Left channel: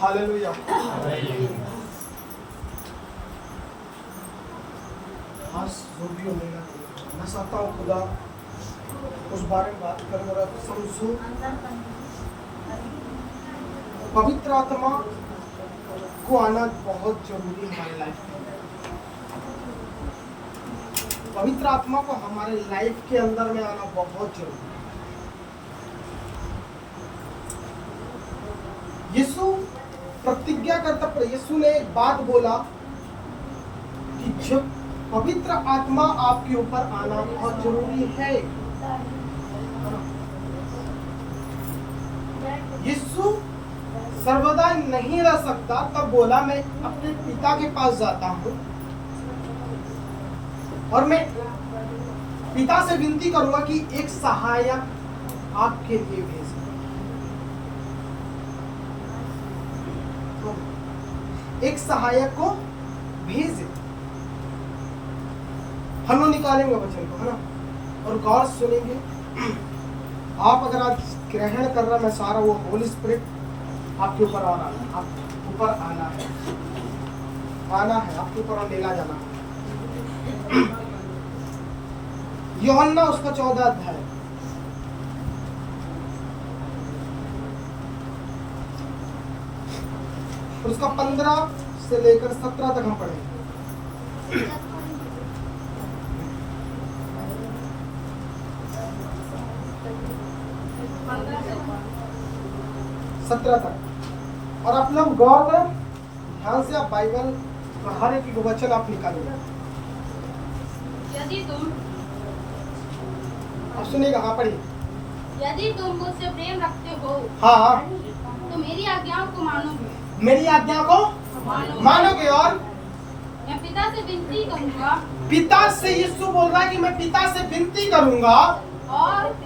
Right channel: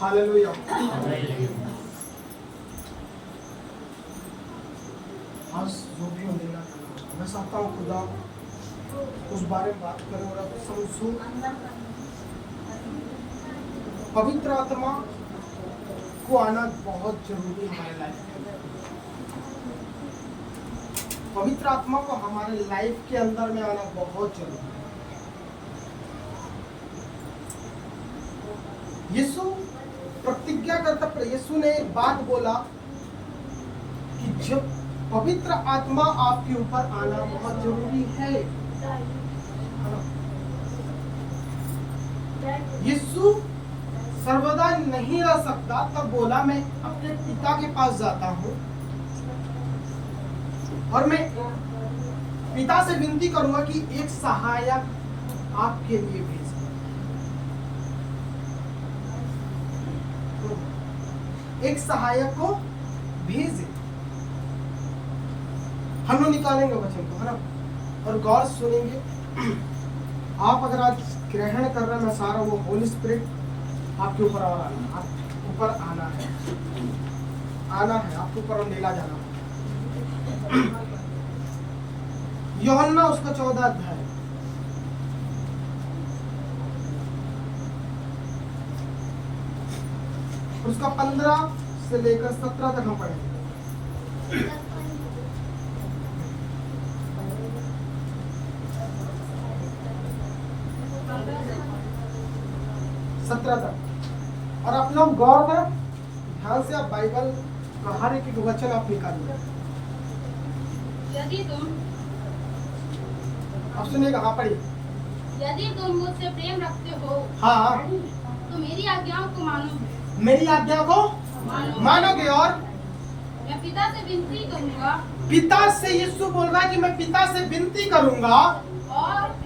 Hallelujah. आज जो भी होने मैं चाहता हूँ खुदा उस बारे में बात करें और समझूं। पवित्र आत्मा को आना बहुत जरूरी है हमारे लाइफ में। पवित्र आत्मा को हमारे लाइफ के अंदर में आना बहुत जरूरी है। यीशु प्रतिज्ञा करता, यीशु ने एक बात बोला कि जब पवित्र आत्मा आपके ऊपर आना बहुत जरूरी है। यीशु सर्वदा नहीं रह सकता, तब बोला मैं अपने पिता के पास जाता हूँ और मैं पिता से विनती करूंगा कि एक सहायक आपके लिए भेज। एक सहायक को भेजे। हम लोग निकालेंगे वचन को, है ना, और गौर सुनेंगे। आप अगर आज ग्रहण कर रहे, मैं सारा वो होली स्पिरिट आपके ऊपर और आना है, आप ऊपर आना है आपके ऊपर और लेला जाना है। यूहन्ना उसका 14 अध्याय, उसका 15 से लेकर 17 तक हम पढ़ेंगे। 17 तक। और आप लोग गौर करें, ध्यान से आप बाइबल का हर एक वचन आप निकालिए। यदि तुम, आप सुनिएगा, हाँ पढ़िए। यदि तुम मुझसे प्रेम रखते हो, हाँ, तो मेरी आज्ञाओं को मानोगे। मेरी आज्ञा को मानोगे। और मैं पिता से विनती करूंगा, पिता से, यीशु बोल रहा है कि मैं पिता से विनती करूंगा और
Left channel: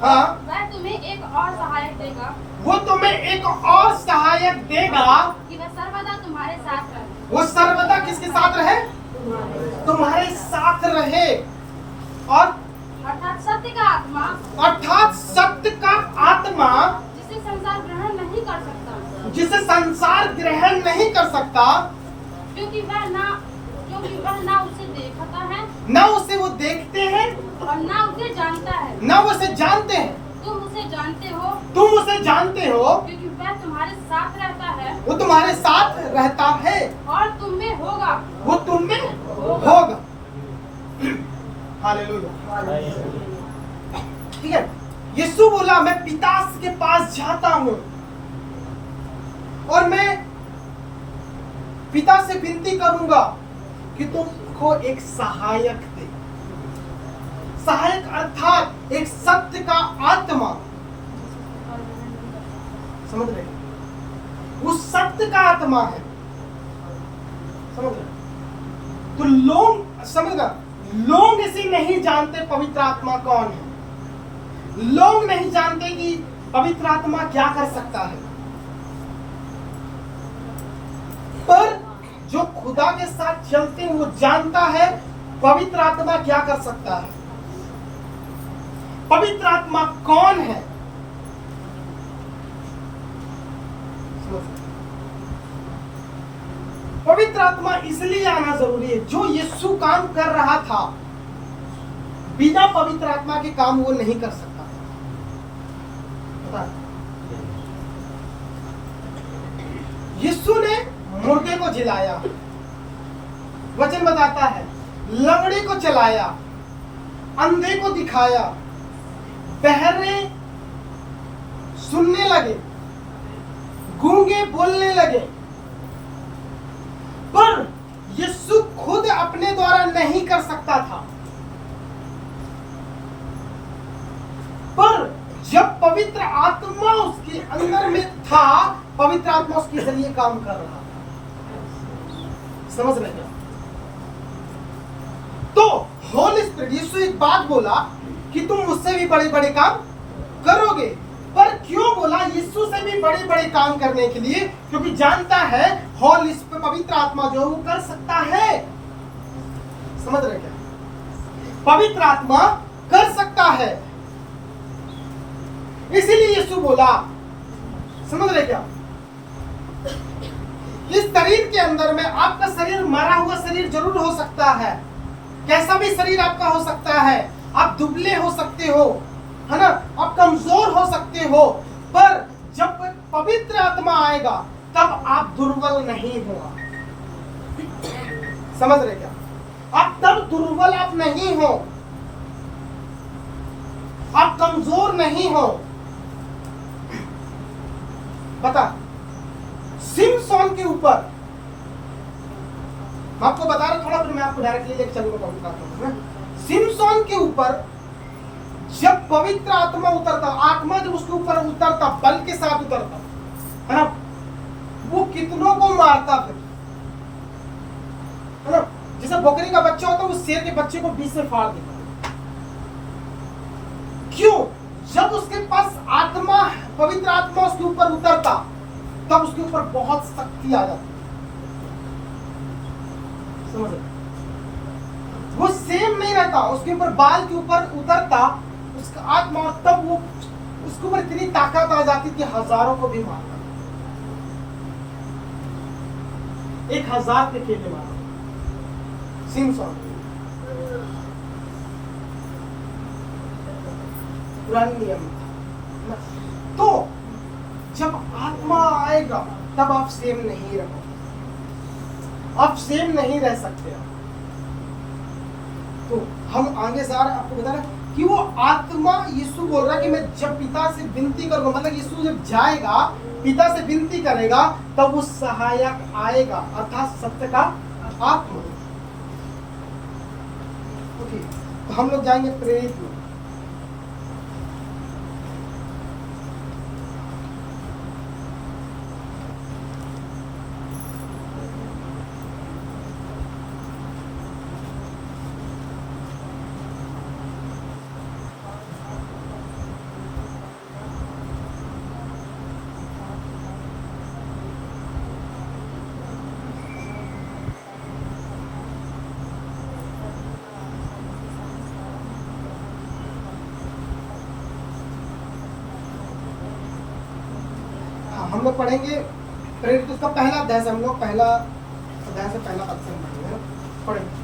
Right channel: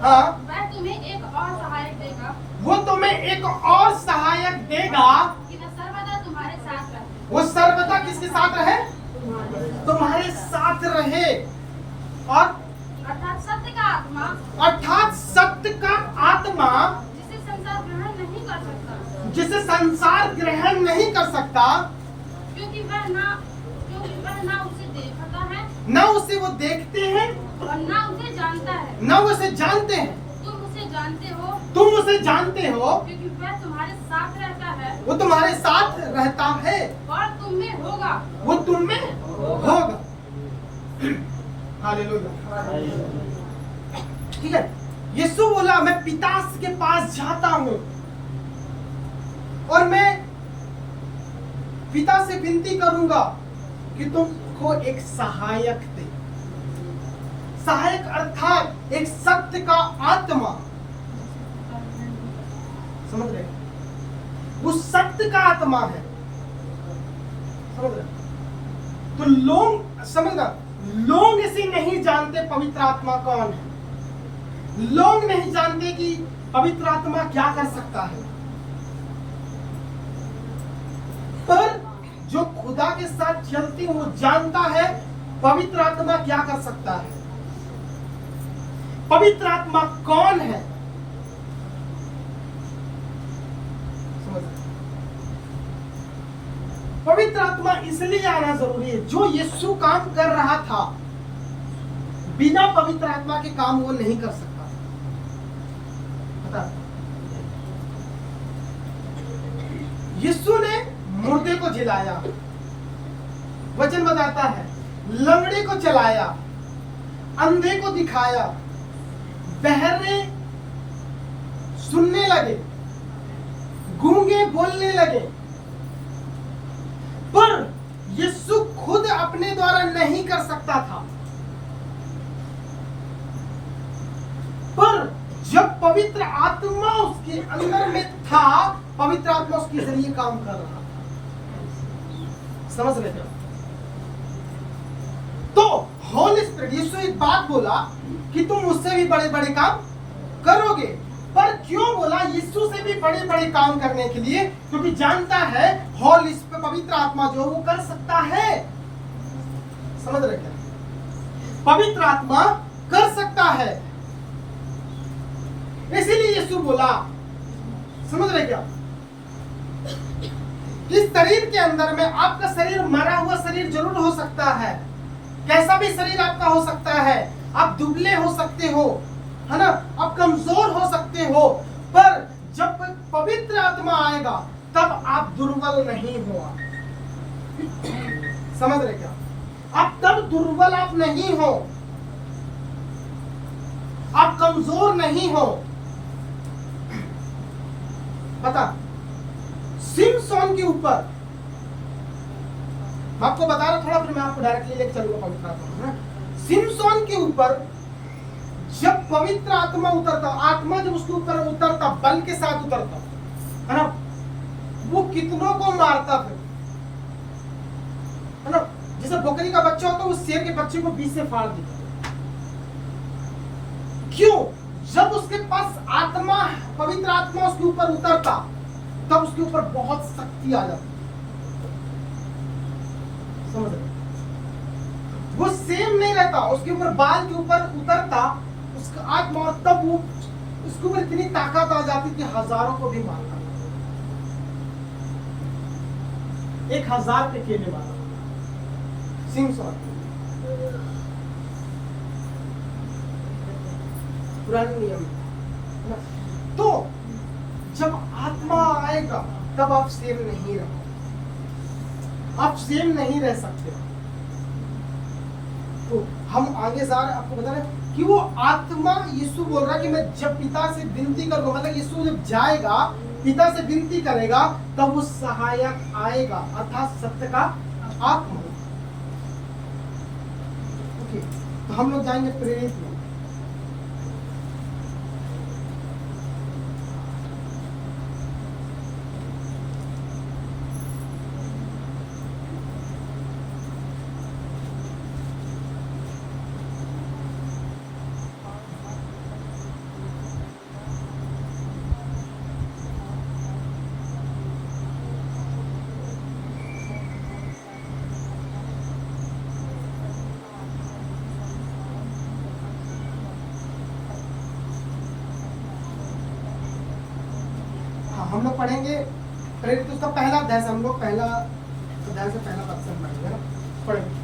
हाँ, वह तुम्हें एक और सहायक देगा, वो तुम्हें एक और सहायक देगा कि वह सर्वदा तुम्हारे साथ रहे। वो सर्वदा किसके साथ रहे? तुम्हारे साथ रहे। और अर्थात सत्य का आत्मा, अर्थात सत्य का आत्मा, जिसे संसार ग्रहण नहीं कर सकता, जिसे संसार ग्रहण नहीं कर सकता, क्योंकि वह ना उसे देखता है, न उसे वो देखते हैं और ना उसे जानता है। न उसे जानते हैं। तुम उसे जानते हो, तुम उसे जानते हो क्योंकि वह तुम्हारे साथ रहता है, वो तुम्हारे साथ रहता है और तुम में होगा। वो तुम में होगा। हालेलुया। ठीक है, यीशु बोला मैं पिता के पास जाता हूं और मैं पिता से विनती करूंगा कि तुमको एक सहायक दे। सहायक अर्थात एक सत्य का आत्मा, समझ रहे? उस सत्य का आत्मा है, समझ रहे? तो लोग, समझना, लोग इसे नहीं जानते पवित्र आत्मा कौन है। लोग नहीं जानते कि पवित्र आत्मा क्या कर सकता है, पर जो खुदा के साथ चलते हैं वो जानता है पवित्र आत्मा क्या कर सकता है, पवित्र आत्मा कौन है। पवित्र आत्मा इसलिए आना जरूरी है, जो यीशु काम कर रहा था बिना पवित्र आत्मा के काम वो नहीं कर सकता। पता, यीशु ने मुर्दे को जिलाया, वचन बताता है, लंगड़े को चलाया, अंधे को दिखाया, बहरे सुनने लगे, गूंगे बोलने लगे। पर यीशु खुद अपने द्वारा नहीं कर सकता था, पर जब पवित्र आत्मा उसके अंदर में था, पवित्र आत्मा उसके जरिए काम कर रहा था। समझ रहे क्या? तो होली स्पिरिट, यीशु एक बात बोला कि तुम मुझसे भी बड़े बड़े काम करोगे। पर क्यों बोला यीशु से भी बड़े बड़े काम करने के लिए? क्योंकि जानता है होली स्पिरिट, पवित्र आत्मा जो वो कर सकता है। समझ रहे क्या? पवित्र आत्मा कर सकता है, इसीलिए यीशु बोला। समझ रहे क्या? इस शरीर के अंदर में आपका शरीर मरा हुआ शरीर जरूर हो सकता है, कैसा भी शरीर आपका हो सकता है, आप दुबले हो सकते हो, है ना, आप कमजोर हो सकते हो, पर जब पवित्र आत्मा आएगा तब आप दुर्बल नहीं हुआ। समझ रहे क्या? आप तब दुर्बल आप नहीं हो, आप कमजोर नहीं हो। बता, सिमसोन के ऊपर मैं आपको बता रहा थोड़ा, फिर मैं आपको डायरेक्टली लेके चलूंगा पवित्र आत्मा में। सिमसोन के ऊपर जब पवित्र आत्मा उतरता, आत्मा जब उसके ऊपर उतरता, बल के साथ उतरता, है ना, वो कितनों को मारता फिर, है ना, जैसे बकरी का बच्चा होता है उस शेर के बच्चे को बीच से फाड़ देता। क्यों? जब उसके पास आत्मा, पवित्र आत्मा उसके ऊपर उतरता, तब उसके ऊपर बहुत शक्ति आ जाती। समझ रहे? वो सेम नहीं रहता, उसके ऊपर बाल के ऊपर उतरता उसका आत्मा, तब वो उसके ऊपर इतनी ताकत आ जाती कि हजारों को भी मारता। 1000 पे खेलने मारा सिमसोन, पुराने नियम में। तो जब आत्मा आएगा तब आप सेम नहीं रहो, आप सेम नहीं रह सकते। तो हम आगे जा रहे, आपको बता रहे कि वो आत्मा, यीशु बोल रहा है कि मैं जब पिता से विनती करूंगा, मतलब यीशु जब जाएगा पिता से विनती करेगा तब वो सहायक आएगा, अर्थात सत्य का आत्मा। ओके, तो हम लोग जाएंगे प्रेरित में। हम लोग पढ़ेंगे प्रेरित, उसका पहला अध्याय से, हम लोग पहला अध्याय से पहला पद से हम पढ़ेंगे।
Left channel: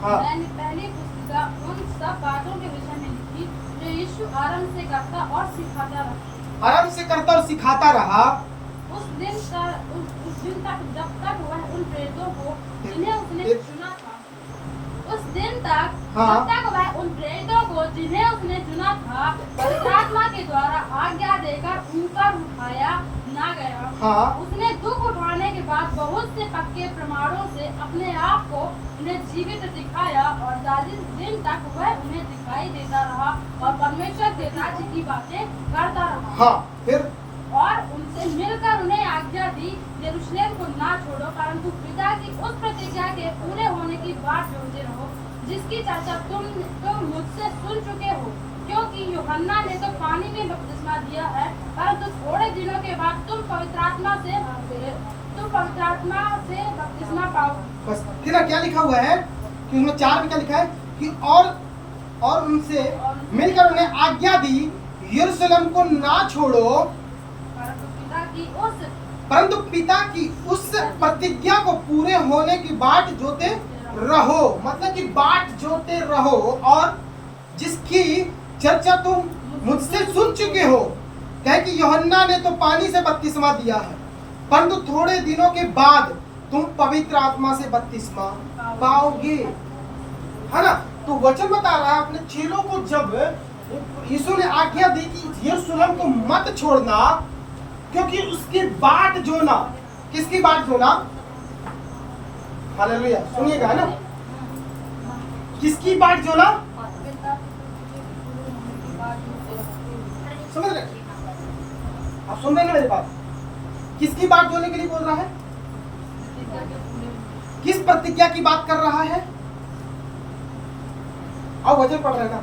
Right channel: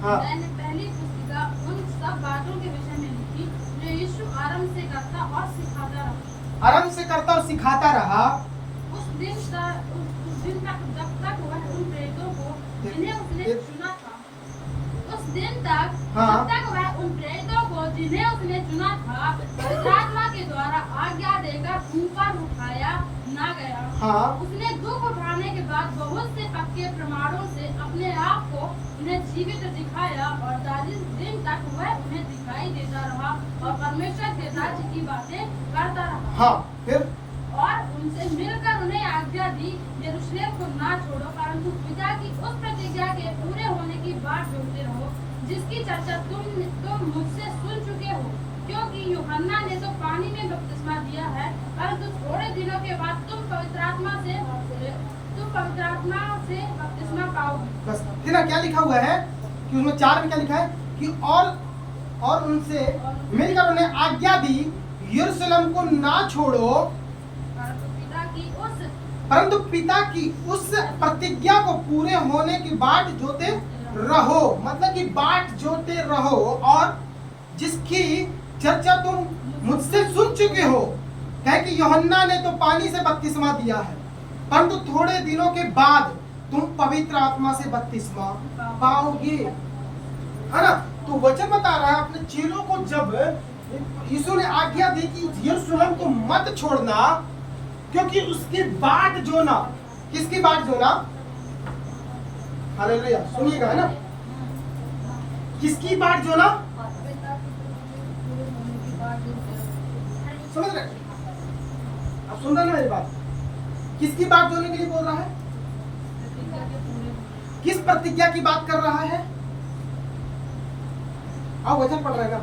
हाँ। मैंने पहले पुस्तिका उन सब बातों के विषय में लिखी जो यीशु आरंभ से करता और सिखाता रहा। आरंभ से करता और सिखाता रहा। उस दिन तक जब तक वह उन प्रेरितों को जिन्हें उसने चुना था, उस दिन तक जब तक वह उन प्रेरितों को जिन्हें उसने चुना था पवित्र आत्मा के द्वारा आज्ञा देकर ऊपर उठाया ना गया। हाँ। उसने दुख उठाने के बाद बहुत से पक्के प्रमाणों से अपने आप को उन्हें जीवित दिखाया और 40 दिन तक वह उन्हें दिखाई देता रहा और परमेश्वर के राज्य की बातें करता रहा। हाँ, फिर और उनसे मिलकर उन्हें आज्ञा दी, यरूशलेम को ना छोड़ो, परंतु पिता की उस प्रतिज्ञा के पूरे होने की बात जोड़ते रहो, जिसकी चर्चा तुम मुझसे सुन चुके हो। क्योंकि यूहन्ना ने तो पानी में बपतिस्मा दिया है, परंतु थोड़े दिनों के बाद तुम पवित्र आत्मा से बपतिस्मा पाओगे। बस फिर क्या लिखा हुआ है कि उसमें 4 में क्या लिखा है कि और उनसे मिलकर उन्हें आज्ञा दी, यरूशलेम को ना छोड़ो, परंतु पिता की उस प्रतिज्ञा को पूरे होने की बाट जोते रहो। मतलब कि बाट जोते रहो, और जिसकी चर्चा तुम मुझसे सुन चुके हो। कहे कि यूहन्ना ने तो पानी से बपतिस्मा दिया है, परंतु थोड़े दिनों के बाद तुम पवित्र आत्मा से बपतिस्मा पाओगे, है ना। तो वचन बता रहा है अपने चेलों को, जब यीशु ने आज्ञा दी कि यरूशलेम को मत छोड़ना, क्योंकि उसकी बाट जोना, किसकी बाट जोना? हालेलुया, सुनिएगा, है ना, किसकी बाट जोना? समझ रहे? आप सुन रहे हैं मेरी बात? किसकी बात जोने के लिए बोल रहा है? किस प्रतिज्ञा की बात कर रहा है? आओ वचन पढ़ रहे ना,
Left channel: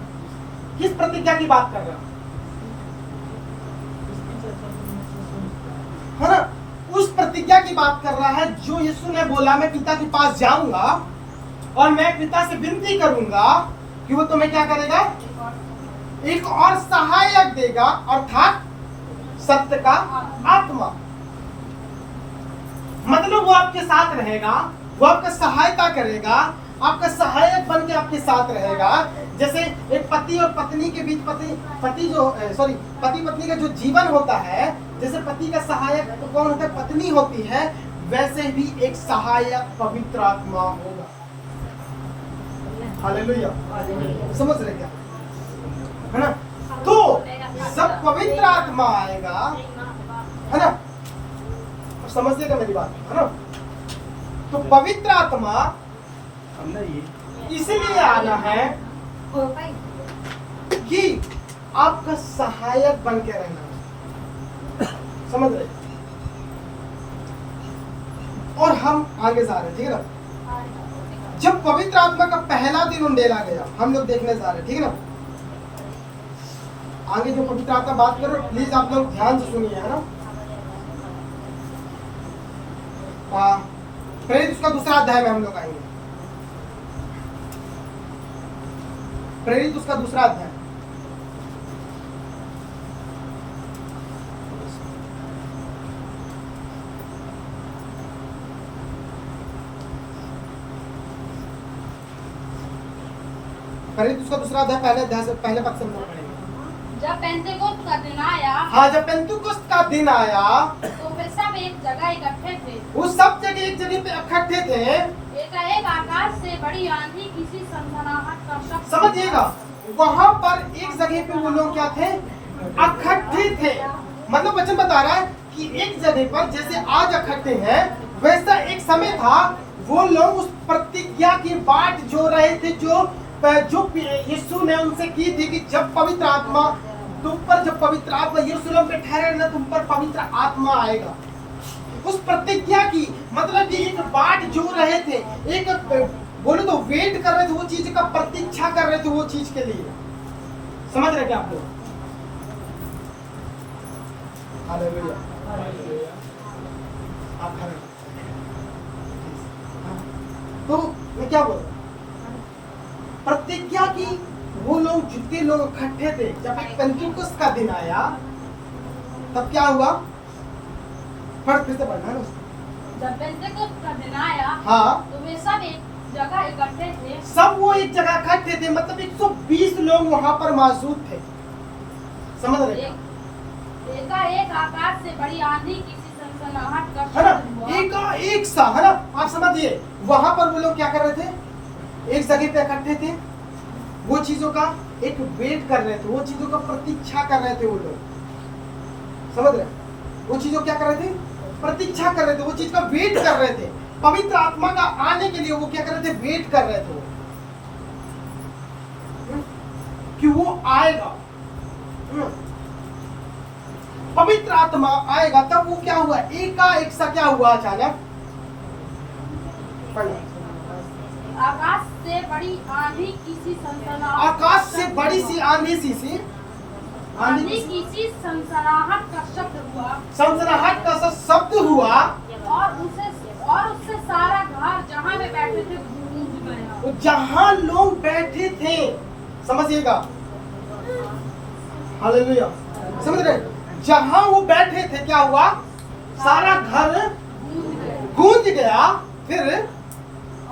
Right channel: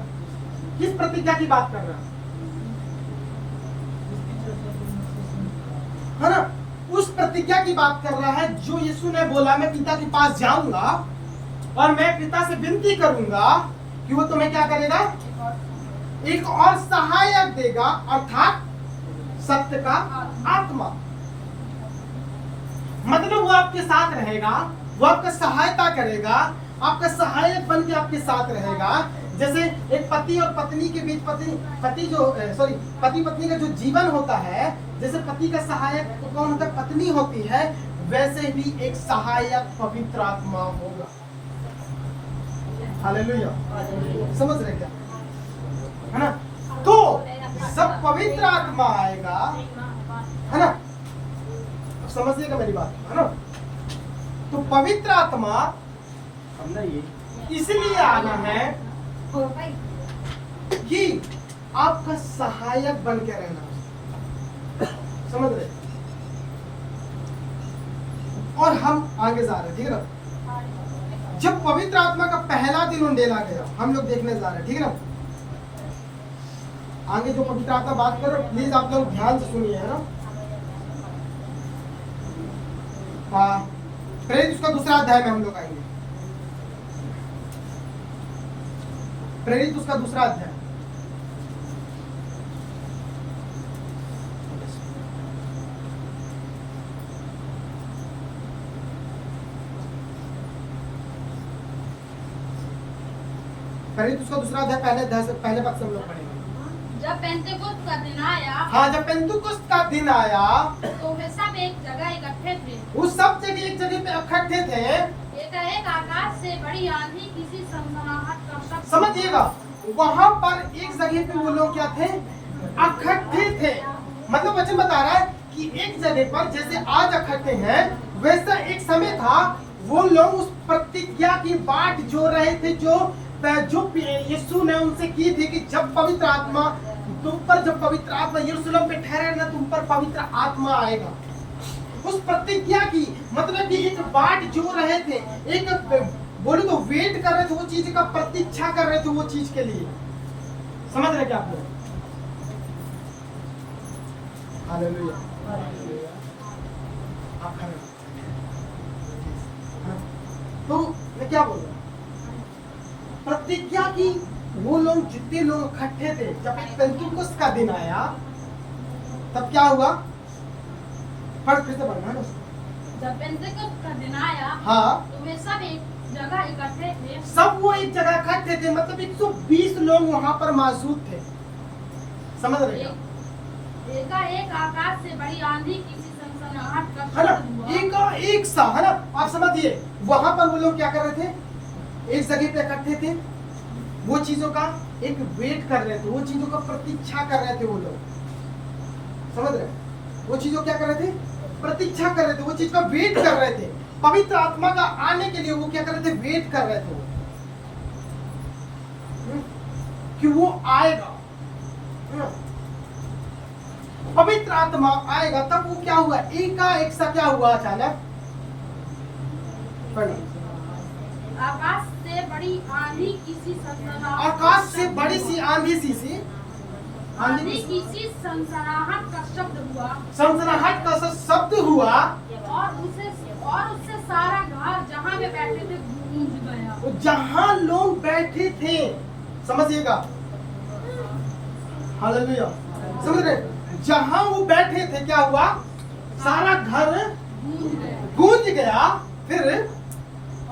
किस प्रतिज्ञा की बात कर रहा है? है ना, उस प्रतिज्ञा प्रतिज्ञा की बात कर रहा है। जो यीशु ने बोला मैं पिता के पास जाऊंगा और मैं पिता से विनती करूंगा कि वो तुम्हें क्या करेगा, एक और सहायक देगा, अर्थात सत्य का आत्मा। मतलब वो आपके साथ रहेगा, वो आपका सहायता करेगा, आपका सहायक बन के आपके साथ रहेगा। जैसे एक पति और पत्नी के बीच पति पत्नी का जो जीवन होता है, जैसे पति का सहायक कौन होता है, पत्नी होती है, वैसे भी एक सहायक पवित्र आत्मा होगा। हालेलुया, समझ रहे क्या, है ना? तो जब पवित्र आत्मा आएगा, है ना, अब समझिएगा मेरी बात, है ना? तो पवित्र आत्मा इसलिए आना है कि आपका सहायक बन के रहना, समझ रहे? और हम आगे जा रहे हैं, ठीक है ना? जब पवित्र आत्मा का पहला दिन उंडेला गया, हम लोग देखने जा रहे हैं, ठीक है ना? आगे जो पवित्र आत्मा बात कर रहे हो, प्लीज आप लोग ध्यान से सुनिए, है ना? प्रेरित उसका दूसरा अध्याय में हम लोग आएंगे। प्रेरित उसका दूसरा अध्याय, प्रेरित उसका दूसरा अध्याय पहले अध्याय से पहले पक्ष से हम लोग पढ़ेंगे। जब पेंतेकोस्त का दिन आया, हाँ, जब पेंतुकोस्त का दिन आया तो वे सब एक जगह इकट्ठे थे। वो सब जगह एक जगह पे इकट्ठे थे। एकाएक आकाश से बड़ी आंधी, किसी सनसनाहट का शब्द। समझिएगा, वहां पर एक जगह पे वो लोग क्या थे, इकट्ठे थे। मतलब वचन बता रहा है कि एक जगह पर जैसे आज इकट्ठे हैं, वैसा एक समय था वो लोग उस प्रतिज्ञा की बाट जो रहे थे, जो यीशु ने उनसे की थी कि जब पवित्र आत्मा तुम पर, जब पवित्र आत्मा यरूशलेम पे ठहरे ना, तुम पर पवित्र आत्मा आएगा। उस प्रतिज्ञा की मतलब कि एक बाट जो रहे थे, एक बोले तो वेट कर रहे थे, वो चीज का प्रतीक्षा कर रहे थे, वो चीज के लिए। समझ रहे क्या आप लोग? हालेलुया, आप खड़े हो। तो मैं क्या बोल रहा हूँ, प्रतिज्ञा की वो लोग जितने लोग इकट्ठे थे, जब पेंतुकोस्त का दिन आया तब क्या हुआ, फिर से पढ़ना है ना। जब पेंतेकोस्त का दिन आया, हाँ, तो वे सब एक जगह इकट्ठे थे। सब वो एक जगह इकट्ठे थे, मतलब 120 लोग वहां पर मौजूद थे। समझ रहे हैं? एकाएक आकाश से बड़ी आंधी, किसी सनसनाहट का है ना, शब्द हुआ। एक सा, है ना? आप समझिए, वहां पर वो लोग क्या कर रहे थे, एक जगह पे इकट्ठे थे, वो चीजों का एक वेट कर रहे थे, वो चीजों का प्रतीक्षा कर रहे थे वो लोग। समझ रहे? वो चीजों क्या कर रहे थे, प्रतीक्षा कर रहे थे, वो चीज का वेट कर रहे थे। पवित्र आत्मा का आने के लिए वो क्या कर रहे थे, वेट कर रहे थे कि वो आएगा। पवित्र आत्मा आएगा, तब वो क्या हुआ, एकाएक सा क्या हुआ, अचानक आकाश से बड़ी आंधी, किसी सनसनाहट, आकाश से बड़ी सी आंधी सी आंधी किसी सनसनाहट का शब्द हुआ, सनसनाहट का शब्द हुआ, और उससे सारा घर जहाँ वे बैठे थे गूंज गया। जहां लोग बैठे थे, समझिएगा, हालेलुया, समझ रहे? जहां वो बैठे थे क्या हुआ, सारा घर गूंज गया। फिर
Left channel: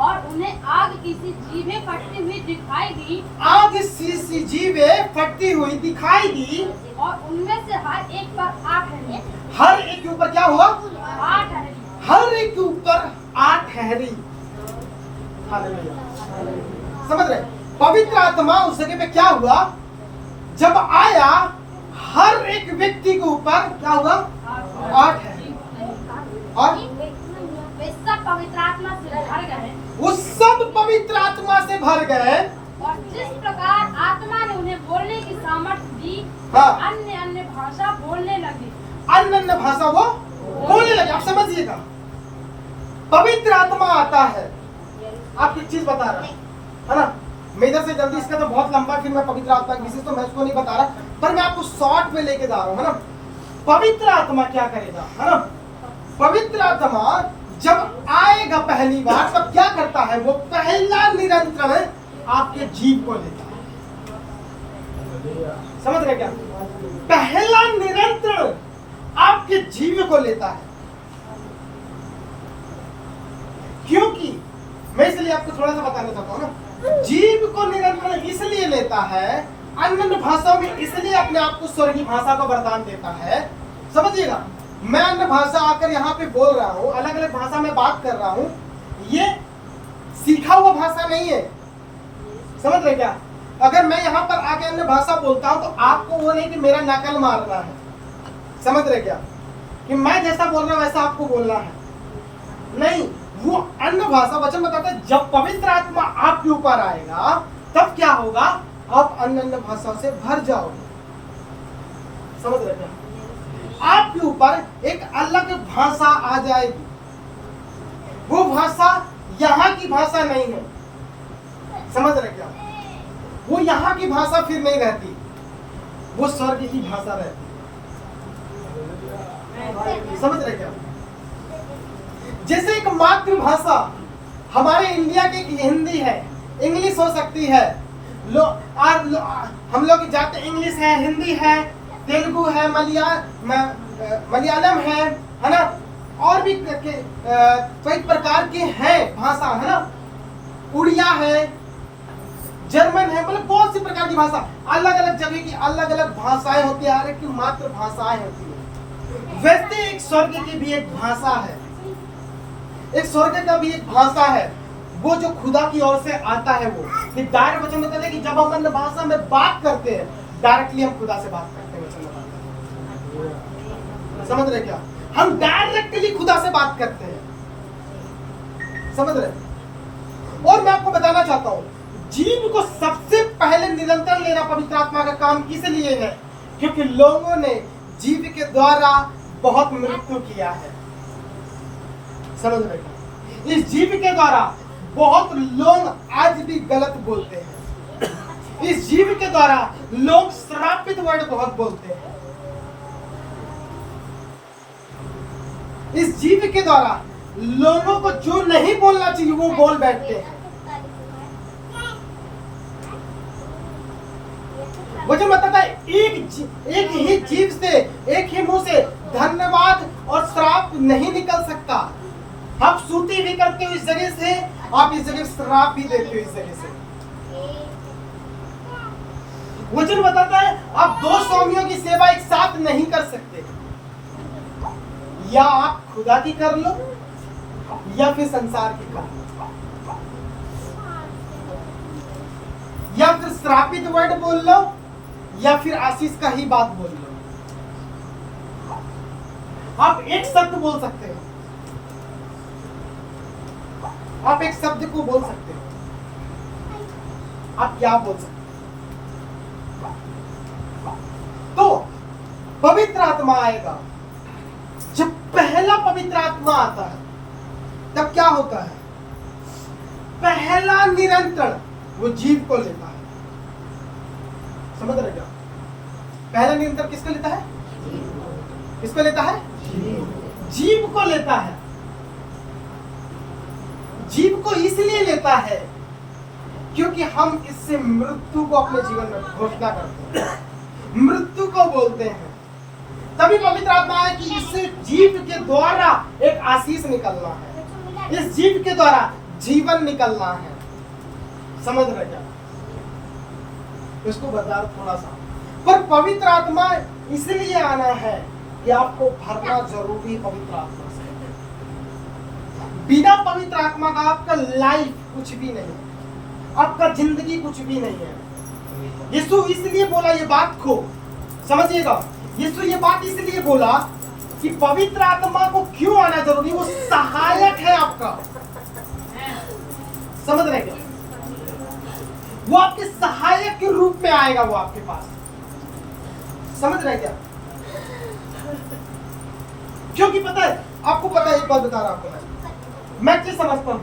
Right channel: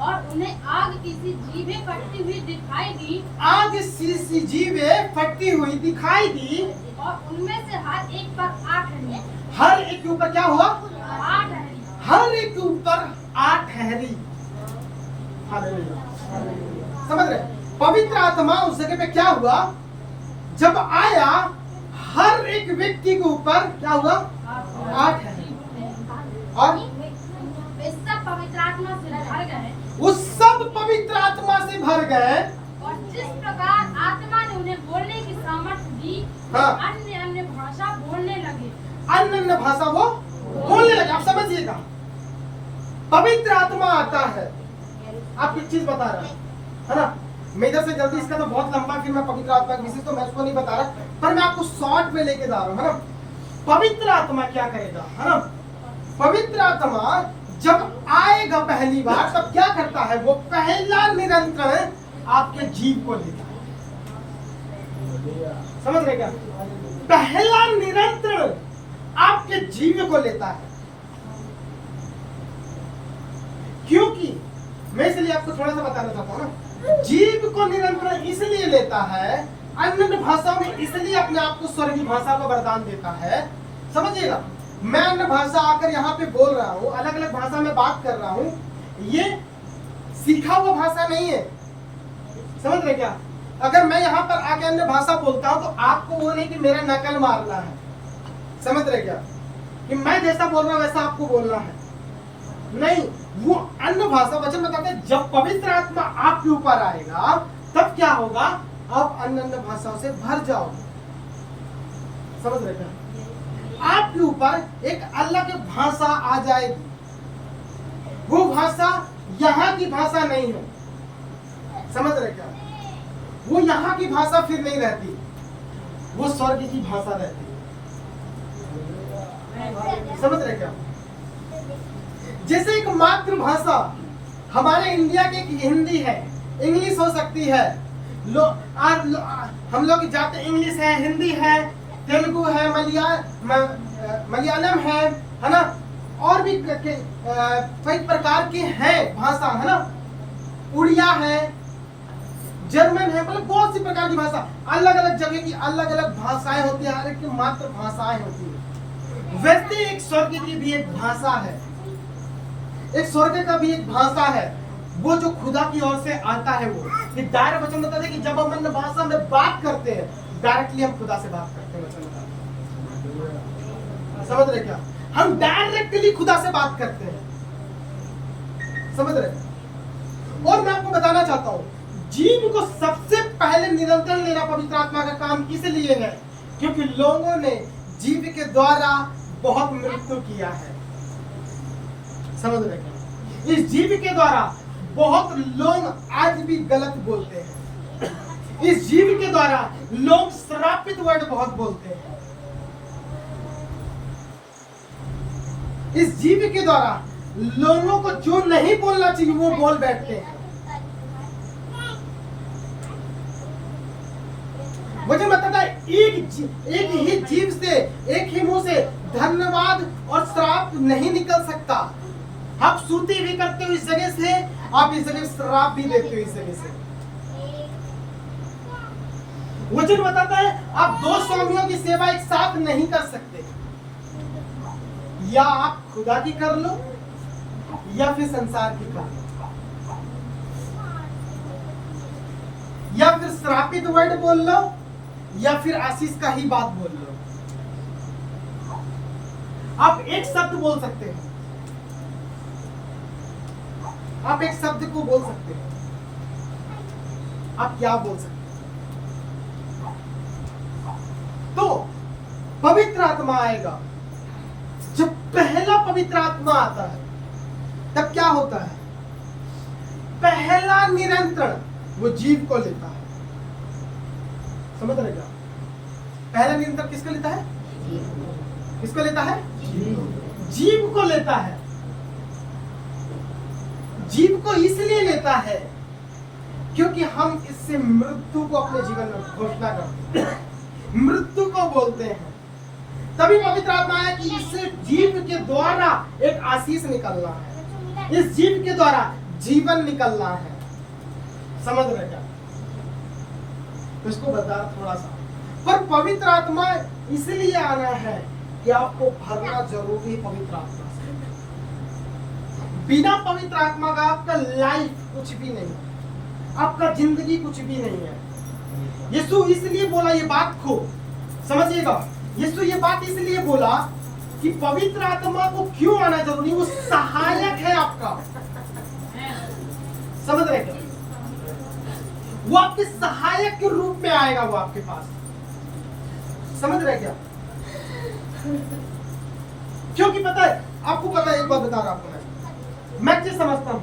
और उन्हें आग किसी जीभे फटती हुई दिखाई दी, आग सी जीवे फटती हुई दिखाई दी, और उनमें से हर एक पर 8 ठहरी। हर एक के ऊपर क्या हुआ, 8 ठहरी। हर एक के ऊपर 8 ठहरी। हालेलुया, समझ रहे? पवित्र आत्मा उस जगह पे क्या हुआ, जब आया, हर एक व्यक्ति के ऊपर क्या हुआ, 8 ठहरी। और वे सब पवित्र आत्मा से भर गए, वो सब पवित्र आत्मा से भर गए। और जिस प्रकार आत्मा ने उन्हें बोलने की सामर्थ्य दी, हाँ। अन्य अन्य भाषा बोलने लगे। अन्य भाषा वो बोलने लगे। आप समझिएगा, पवित्र आत्मा आता है। आप एक चीज बता रहा है ना, मैं इधर से जल्दी, इसका तो बहुत लंबा, फिर मैं पवित्र आत्मा की विशेष तो मैं उसको नहीं बता रहा, पर मैं आपको शॉर्ट में लेके जा रहा हूँ, है ना। पवित्र आत्मा क्या करेगा, है ना? पवित्र आत्मा जब आएगा पहली बार तब क्या करता है, वो पहला नियंत्रण आपके जीव को लेता है। समझ रहे क्या? पहला नियंत्रण आपके जीव को लेता है। क्योंकि मैं इसलिए आपको थोड़ा सा बताना चाहता हूं ना, जीव को नियंत्रण इसलिए लेता है, अन्य भाषाओं में इसलिए अपने आप को स्वर्गीय भाषा का वरदान देता है। समझिएगा, मैं अन्य भाषा आकर यहाँ पे बोल रहा हूँ, अलग अलग भाषा में बात कर रहा हूँ, ये सीखा हुआ भाषा नहीं है। समझ रहे क्या? अगर मैं यहाँ पर आके अन्य भाषा बोलता हूँ तो आपको वो नहीं कि मेरा नकल मारना है। समझ रहे क्या? कि मैं जैसा बोल रहा हूँ वैसा आपको बोलना है, नहीं। वो अन्य भाषा वचन बताता है जब पवित्र आत्मा आपके ऊपर आएगा तब क्या होगा, आप अन्य अन्य भाषाओं से भर जाओगे। समझ रहे क्या? आपके ऊपर एक अलग भाषा आ जाएगी। वो भाषा यहाँ की भाषा नहीं है। समझ रहे क्या? वो यहाँ की भाषा फिर नहीं रहती, वो स्वर्ग की भाषा रहती है। समझ रहे क्या? जैसे एक मातृभाषा हमारे इंडिया की हिंदी है, इंग्लिश हो सकती है। हम लोग जाते इंग्लिश है, हिंदी है, तेलुगु है, मलयालम है ना, और भी कई प्रकार के हैं भाषा, है ना, उड़िया है, जर्मन है, मतलब बहुत सी प्रकार की भाषा, अलग अलग जगह की अलग अलग भाषाएं होती है, हर एक की मातृभाषाएं होती है। वैसे एक स्वर्ग की भी एक भाषा है, एक स्वर्ग का भी एक भाषा है, वो जो खुदा की ओर से आता है। वो डायरेक्ट वचन बताते हैं कि जब हम अन्य भाषा में बात करते हैं, डायरेक्टली हम खुदा से बात करते हैं। वचन बताते हैं, समझ रहे क्या? हम डायरेक्टली खुदा से बात करते हैं। समझ रहे? और मैं आपको बताना चाहता हूं, जीव को सबसे पहले नियंत्रण लेना पवित्र आत्मा का काम किस लिए है? क्योंकि लोगों ने जीव के द्वारा बहुत मृत्यु किया है। समझ रहे क्या? इस जीव के द्वारा बहुत लोग आज भी गलत बोलते हैं। इस जीव के द्वारा लोग श्रापित वर्ड बहुत बोलते हैं। इस जीव के द्वारा लोगों को जो नहीं बोलना चाहिए वो बोल बैठते हैं। मुझे बताता है एक ही जीव से, एक ही मुंह से धन्यवाद और श्राप नहीं निकल सकता। आप स्तुति भी करते हो इस जगह से, आप इस जगह श्राप भी देते हो इस जगह से। वचन बताता है आप दो स्वामियों की सेवा एक साथ नहीं कर सकते। या आप खुदा की कर लो या फिर संसार की कर लो, या फिर श्रापित वर्ड बोल लो या फिर आशीष का ही बात बोल लो। आप एक शब्द बोल सकते हो, आप एक शब्द को बोल सकते हो। आप क्या बोल सकते हो? तो पवित्र आत्मा आएगा। जब पहला पवित्र आत्मा आता है तब क्या होता है? पहला नियंत्रण वो जीव को लेता है। समझ रहे क्या? पहला नियंत्रण किसको लेता है? किसको लेता है? जीव को लेता है। जीव को इसलिए लेता है क्योंकि हम इससे मृत्यु को अपने जीवन में घोषणा करते हैं, मृत्यु को बोलते हैं। तभी पवित्र आत्मा है कि इससे जीव के द्वारा एक आशीष निकलना है, इस जीव के द्वारा जीवन निकलना है। समझ रहे क्या? इसको बता थोड़ा सा। पर पवित्र आत्मा इसलिए आना है कि आपको भरना जरूरी है पवित्र आत्मा से। बिना पवित्र आत्मा का आपका लाइफ कुछ भी नहीं है, आपका जिंदगी कुछ भी नहीं है। यीशु इसलिए बोला ये बात को समझिएगा, यीशु ये बात इसलिए बोला कि पवित्र आत्मा को क्यों आना जरूरी, वो सहायक है आपका। समझ रहे क्या? वो आपके सहायक के रूप में आएगा, वो आपके पास। समझ रहे क्या? क्योंकि पता है, आपको पता है, एक बात बता रहा हूं मैं जो समझता हूं,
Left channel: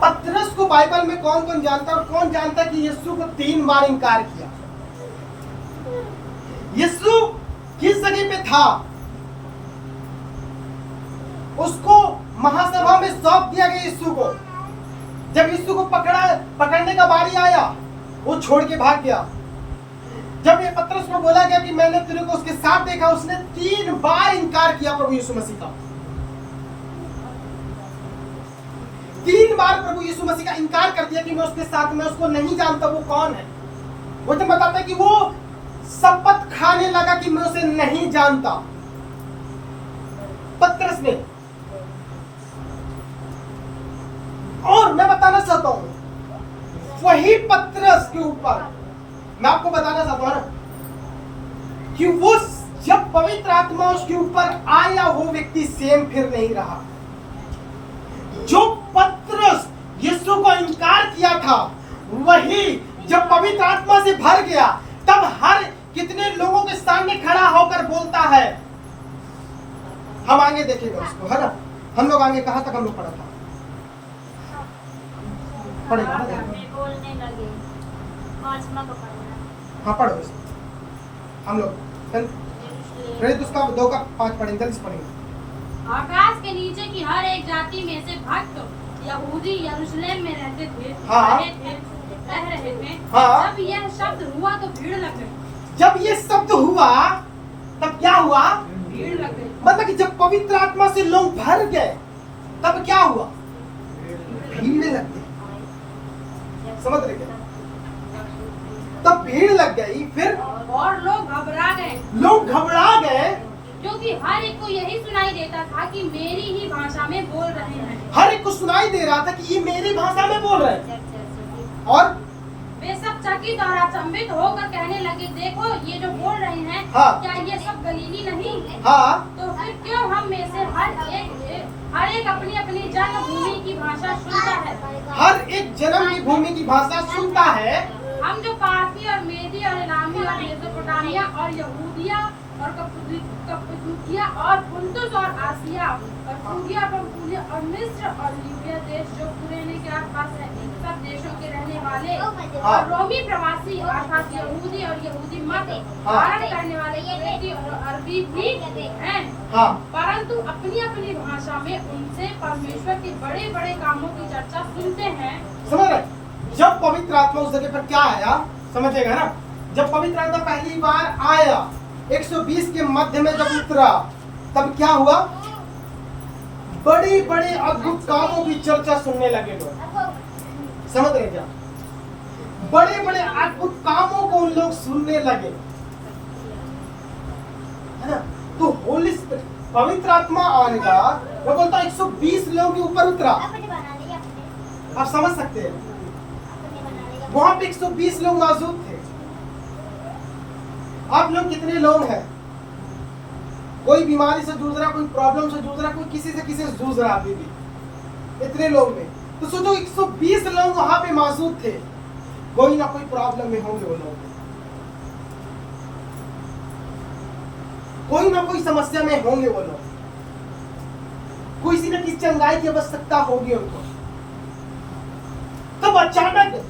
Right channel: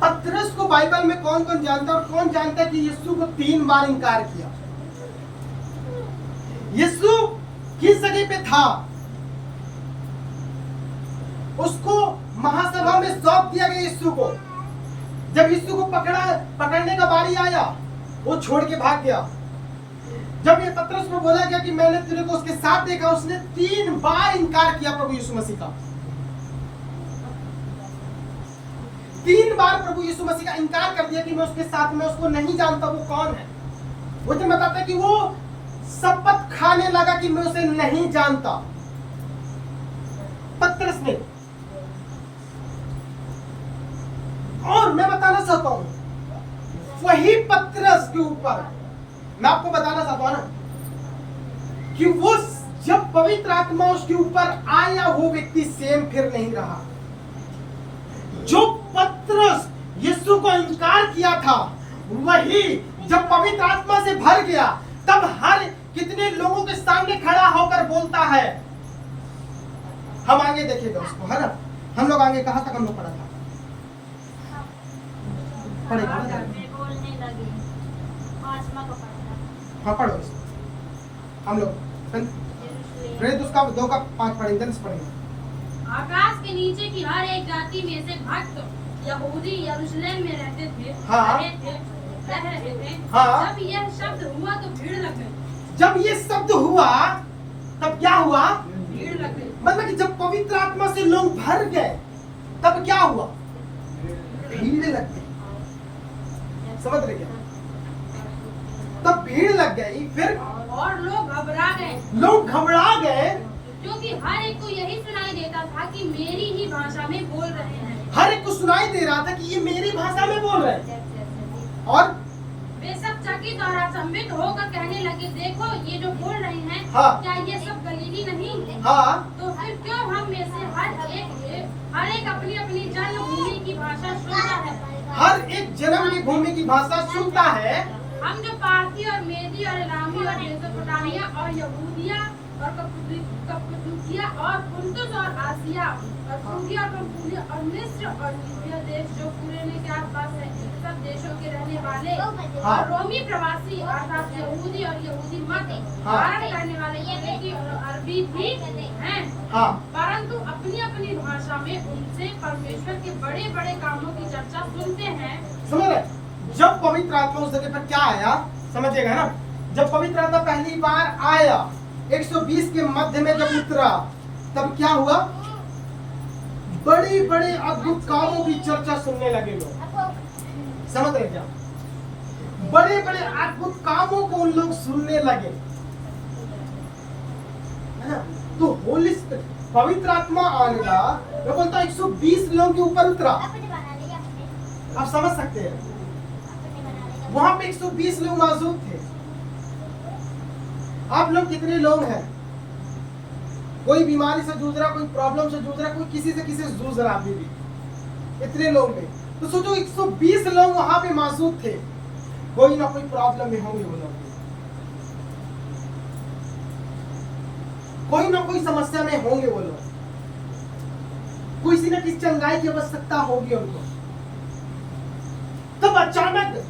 पतरस को बाइबल में कौन कौन जानता है और कौन जानता है कि यीशु को 3 बार इनकार किया। यीशु किस जगह पे था? उसको महासभा में सौंप दिया गया यीशु को। जब यीशु को पकड़ने का बारी आया, वो छोड़ के भाग गया। जब ये पतरस को बोला गया कि मैंने तेरे को उसके साथ देखा, उसने 3 बार इनकार किया प्रभु यीशु मसीह का। 3 बार प्रभु यीशु मसीह का इनकार कर दिया कि मैं उसके साथ में, उसको नहीं जानता वो कौन है। वो तो बताता है कि वो शपथ खाने लगा कि मैं उसे नहीं जानता। पतरस ने, और मैं बताना चाहता हूं वही पतरस के ऊपर मैं आपको बताना चाहता हूं ना कि वो जब पवित्र आत्मा उसके ऊपर आया, वो व्यक्ति सेम फिर नहीं रहा। जो पतरस यीशु को इनकार किया था, वही जब पवित्र आत्मा से भर गया, तब हर कितने लोगों के सामने खड़ा होकर बोलता है। हम आगे देखेंगे उसको, है ना। हम लोग आगे कहां तक हम लोग पढ़ा था, पढ़ेगा ना, हाँ पढ़ो इसको। हम लोग प्रेरित उसका 2 का 5 पढ़ेंगे, जल्दी से पढ़ेंगे। आकाश के नीचे की हर एक जाति में से भक्त यहूदी यरूशलेम में रहते थे, हाँ। रह रहे थे। हाँ। जब यह शब्द हुआ तो भीड़ लग गई। जब ये शब्द हुआ तब क्या हुआ? भीड़ लग गई। मतलब कि जब पवित्र आत्मा से लोग भर गए, तब क्या हुआ? भीड़ लग गई। समझ रहे क्या? तब भीड़ लग गई, फिर और लोग घबरा गए। लोग घबरा गए, क्योंकि हर एक को यही सुनाई देता था कि मेरी ही भाषा में बोल रहे हैं। हर एक को सुनाई दे रहा था कि ये मेरी भाषा में बोल रहे हैं। और वे सब चकित और अचंभित होकर कहने लगे, देखो ये जो बोल रहे हैं, हाँ। क्या ये सब गलीली नहीं? हाँ, तो फिर क्यों हम में से हर एक अपनी अपनी जन्मभूमि की भाषा सुनता है? हर एक जन्म की भूमि की भाषा सुनता है। हम जो पारसी और मेदी और इलामी और मेसोपोटामिया और यहूदिया और कप्पदूकिया और पुन्तुस और आसिया और फ्रूगिया और पंफूलिया और मिस्र और लीबिया देश जो कुरेने के आसपास है, इन सब देशों के रहने वाले हाँ। और रोमी प्रवासी अर्थात यहूदी और यहूदी मत हाँ। धारण करने वाले क्रेती और अरबी भी हैं। हाँ, परंतु अपनी अपनी भाषा में उनसे परमेश्वर के बड़े बड़े कामों की चर्चा सुनते हैं। समझ रहे? जब पवित्र आत्मा उस जगह पर क्या आया, समझेगा ना। जब पवित्र आत्मा पहली बार आया, 120 के मध्य में जब उतरा, तब क्या हुआ? बड़ी बड़ी अद्भुत कामों की चर्चा सुनने लगे लोग। समझ रहे क्या? बड़े बड़े अद्भुत कामों को उन लोग सुनने लगे, है ना। तो होली स्पिरिट, पवित्र आत्मा आएगा, मैं बोलता हूं 120 लोगों के ऊपर उतरा। आप समझ सकते हैं, वहां पे 120 लोग मौजूद थे। आप लोग कितने लोग हैं? कोई बीमारी से जूझ रहा, कोई प्रॉब्लम से जूझ रहा, कोई किसी से जूझ रहा अभी भी। इतने लोग में तो सोचो 120 लोग वहां पे मौजूद थे। कोई ना कोई प्रॉब्लम में होंगे वो लोग, कोई ना कोई समस्या में होंगे वो लोग, किसी न किसी चंगाई की आवश्यकता होगी उनको। तब अचानक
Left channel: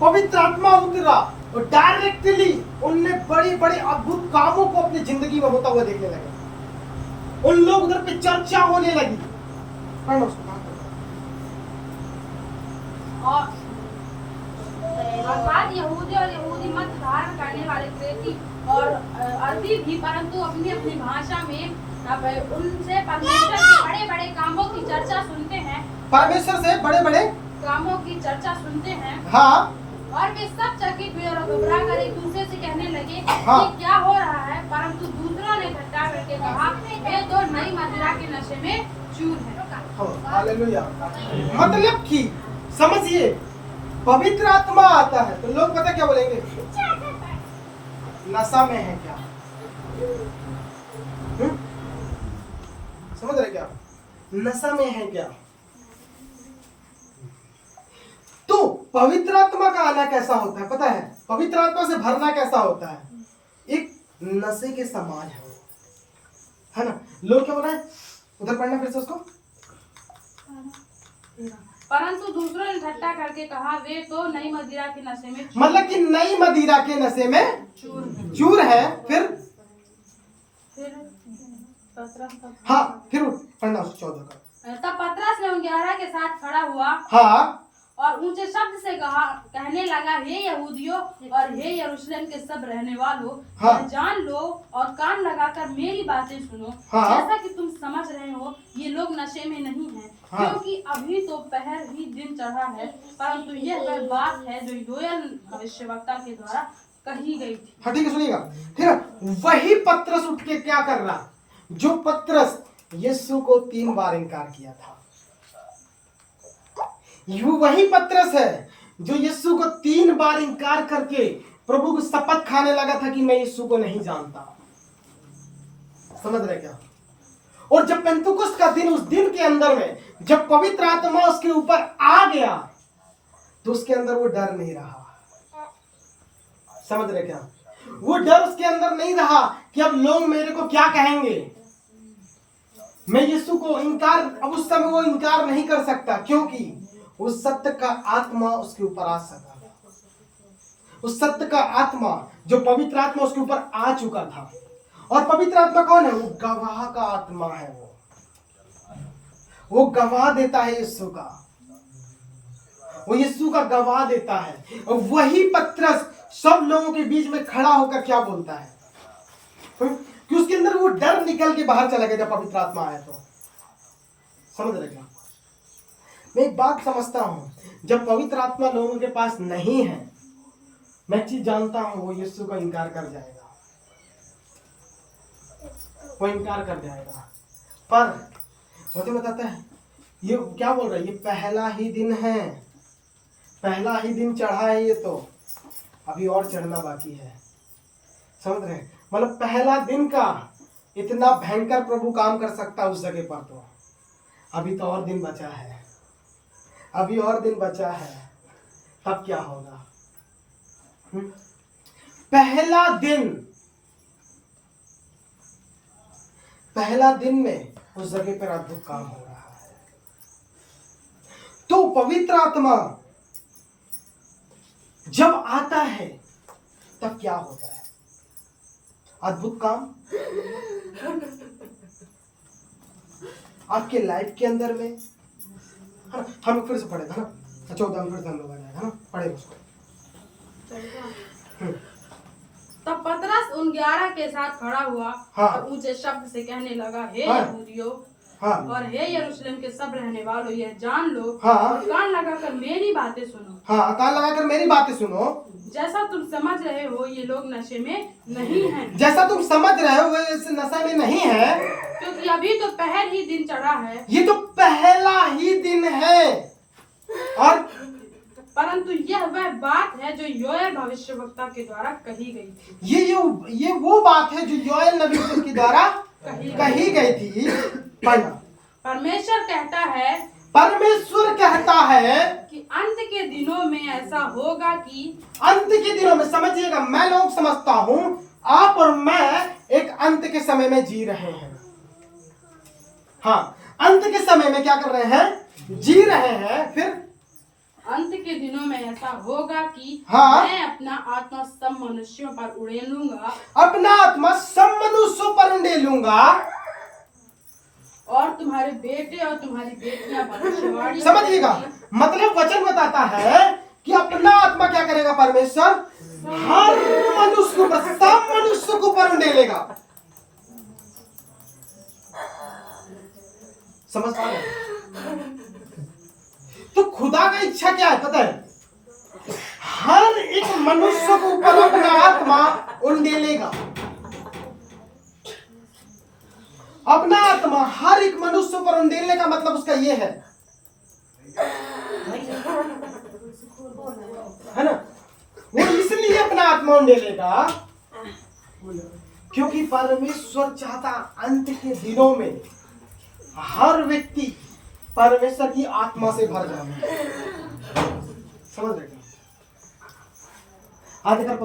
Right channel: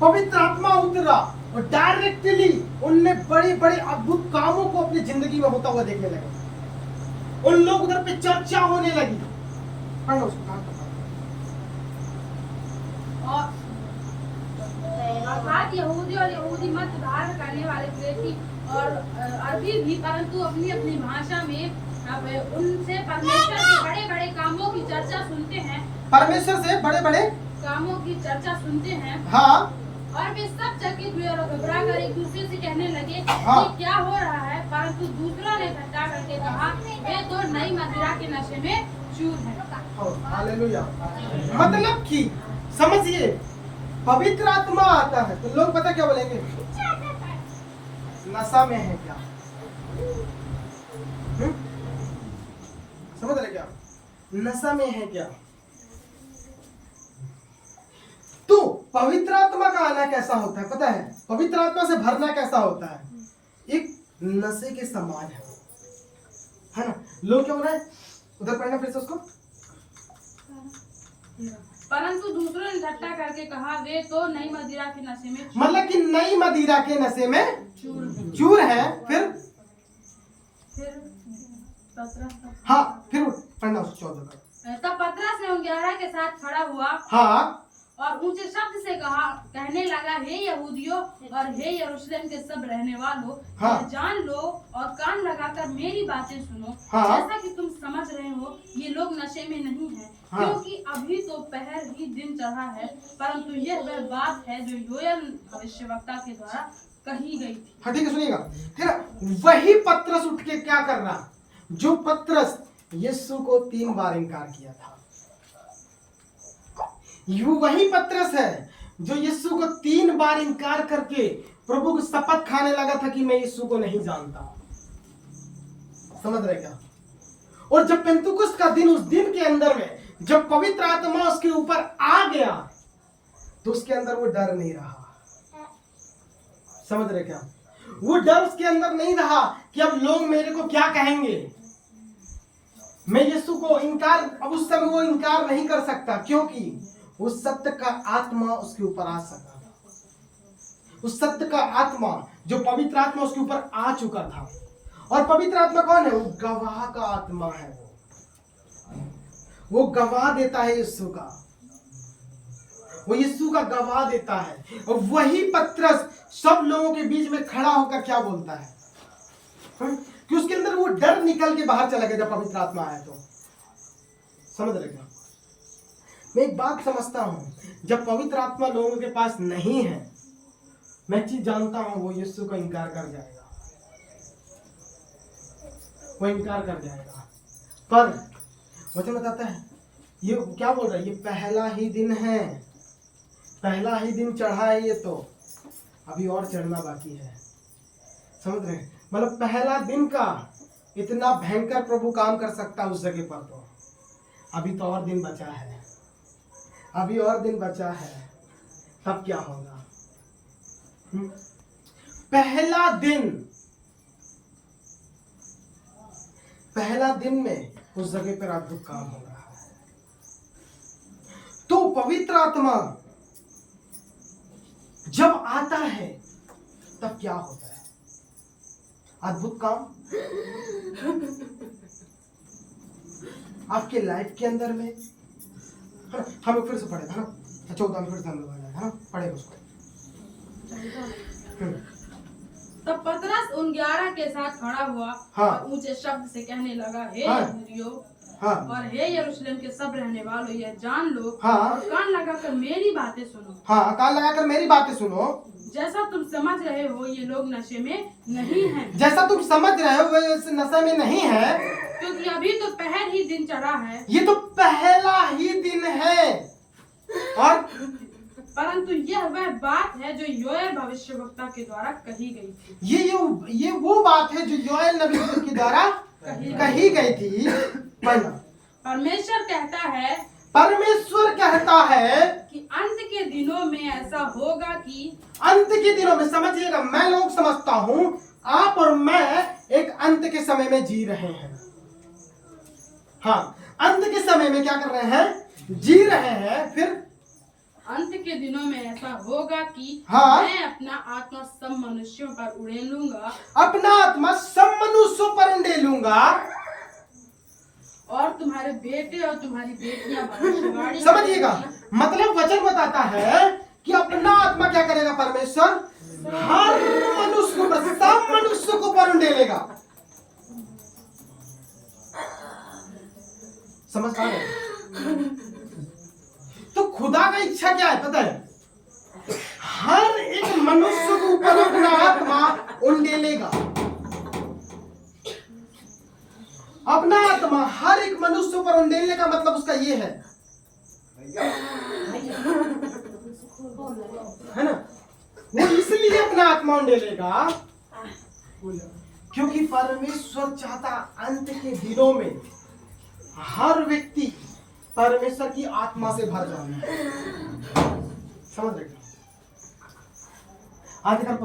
पवित्र आत्मा उतरा और डायरेक्टली उनने बड़ी बड़ी अद्भुत कामों को अपनी जिंदगी में होता हुआ देखने लगे। उन लोग उधर पे चर्चा होने लगी। पढ़ो उसको। और अर्थात यहूदी और यहूदी मत धारण करने वाले क्रेती और अरबी भी, परंतु अपनी अपनी भाषा में अब उनसे परमेश्वर के बड़े बड़े कामों की चर्चा सुनते हैं। परमेश्वर से बड़े बड़े कामों की चर्चा सुनते हैं। हाँ। और वे सब चकित हुए और घबरा कर एक दूसरे से कहने लगे, हाँ। ये क्या हो रहा है? परंतु दूसरा ने ठट्ठा करके कहा, वे तो नई मदिरा के नशे में चूर हैं। हालेलुया। मतलब कि समझिए, पवित्र आत्मा आता है तो लोग पता क्या बोलेंगे? नशा में है क्या? समझ रहे क्या? नशा में है क्या? तो पवित्र आत्मा का आना कैसा होता है पता है? पवित्र आत्मा से भरना कैसा होता है? एक नशे के समान है ना। लोग क्या बोला है? उधर पढ़ना फिर से उसको। परंतु दूसरों ने ठट्ठा करके कहा, वे तो नई मदिरा के नशे में, मतलब कि नई मदिरा के नशे में चूर है। फिर हाँ, फिर पढ़ना उसको 14 का। तब पतरस ने उन 11 के साथ खड़ा हुआ हाँ और ऊंचे शब्द से कहने लगा, हे यहूदियों और हे यरूशलेम के सब रहने वालों, हाँ। यह जान लो और कान लगाकर मेरी बातें सुनो। हाँ। जैसा कि तुम समझ रहे हो ये लोग नशे में नहीं हैं, हाँ। क्योंकि अभी तो पहर ही दिन चढ़ा है, परंतु यह वह बात है जो योएल भविष्यवक्ता के द्वारा कही गई थी। हाँ ठीक है, सुनिएगा। फिर वही पतरस उठ के क्या कर रहा, जो पतरस यीशु को 3 बार इनकार किया था। यू वही पतरस है जो यीशु को 3 बार इनकार करके प्रभु की शपथ खाने लगा था कि मैं यीशु को नहीं जानता। समझ रहे क्या? और जब पेंतुकुस्त का दिन, उस दिन के अंदर में जब पवित्र आत्मा उसके ऊपर आ गया तो उसके अंदर वो डर नहीं रहा। समझ रहे क्या? वो डर उसके अंदर नहीं रहा कि अब लोग मेरे को क्या कहेंगे। मैं यीशु को इनकार, अब उस समय वो इनकार नहीं कर सकता, क्योंकि उस सत्य का आत्मा उसके ऊपर आ सका था। उस सत्य का आत्मा, जो पवित्र आत्मा उसके ऊपर आ चुका था। और पवित्र आत्मा कौन है? वो गवाह का आत्मा है। वो गवाह देता है यीशु का, वो यीशु का गवाह देता है। और वही पतरस सब लोगों के बीच में खड़ा होकर क्या बोलता है कि उसके अंदर वो डर निकल के बाहर चला गया जब पवित्र आत्मा आया तो। समझ रहे क्या? मैं एक बात समझता हूं, जब पवित्र आत्मा लोगों के पास नहीं है, मैं चीज जानता हूं, वो यीशु का इनकार कर जाएगा, वो इनकार कर जाएगा। पर मुझे बताता है ये क्या बोल रहा है, ये पहला ही दिन है, पहला ही दिन चढ़ा है, ये तो अभी और चढ़ना बाकी है। समझ रहे हैं? मतलब पहला दिन का इतना भयंकर प्रभु काम कर सकता है उस जगह पर, तो अभी तो और दिन बचा है, अभी और दिन बचा है, तब क्या होगा? पहला दिन में उस जगह पर अद्भुत काम हो रहा है। तो पवित्र आत्मा जब आता है तब क्या होता है? अद्भुत काम आपके लाइफ के अंदर में, है ना? हम लोग फिर से पढ़े था ना, 14 में फिर से हम लोग आ जाएगा ना, पढ़े उसको। तब पतरस उन 11 के साथ खड़ा हुआ। हाँ। और ऊंचे शब्द से कहने लगा, हे हाँ। यहूदियों हाँ। और हे यरूशलेम के सब रहने वालों, यह जान लो हाँ। और कान लगाकर मेरी बातें सुनो। हाँ, कान लगाकर मेरी बातें सुनो। जैसा तुम समझ रहे हो ये लोग नशे में नहीं हैं, जैसा तुम समझ रहे हो वे इस नशे में नहीं है, क्योंकि अभी तो पहर ही दिन चढ़ा है। ये तो पहला ही दिन है। और परंतु यह वह बात है जो योएल भविष्यवक्ता के द्वारा कही गई थी। ये वो बात है जो योएल नबी के द्वारा कही गई थी। पढ़ना। परमेश्वर कहता है कि अंत के दिनों में ऐसा होगा कि, अंत के दिनों में, समझिएगा, मैं लोग समझता हूं आप और मैं एक अंत के समय में जी रहे हैं। हाँ, अंत के समय में क्या कर रहे हैं? जी रहे हैं। फिर अंत के दिनों में ऐसा होगा कि हाँ। मैं अपना आत्मा सब मनुष्यों पर उड़ेलूंगा, अपना आत्मा सब मनुष्यों पर उंडेलूंगा, और तुम्हारे बेटे और तुम्हारी बेटियां भविष्यवाणी। समझिएगा, मतलब वचन बताता है कि अपना आत्मा क्या करेगा? परमेश्वर हर मनुष्य को, सब मनुष्य को पर उंडेलेगा। समझ पा रहे? तो खुदा का इच्छा क्या है पता है? हर एक मनुष्य के ऊपर अपना आत्मा उंडेलेगा। अपना आत्मा हर एक मनुष्य पर उंडेलने का मतलब उसका ये है ना? वो इसलिए अपना आत्मा उंडेलेगा क्योंकि परमेश्वर चाहता अंत के दिनों में हर व्यक्ति परमेश्वर की आत्मा से भर जाए। समझ रहे? आदिकाल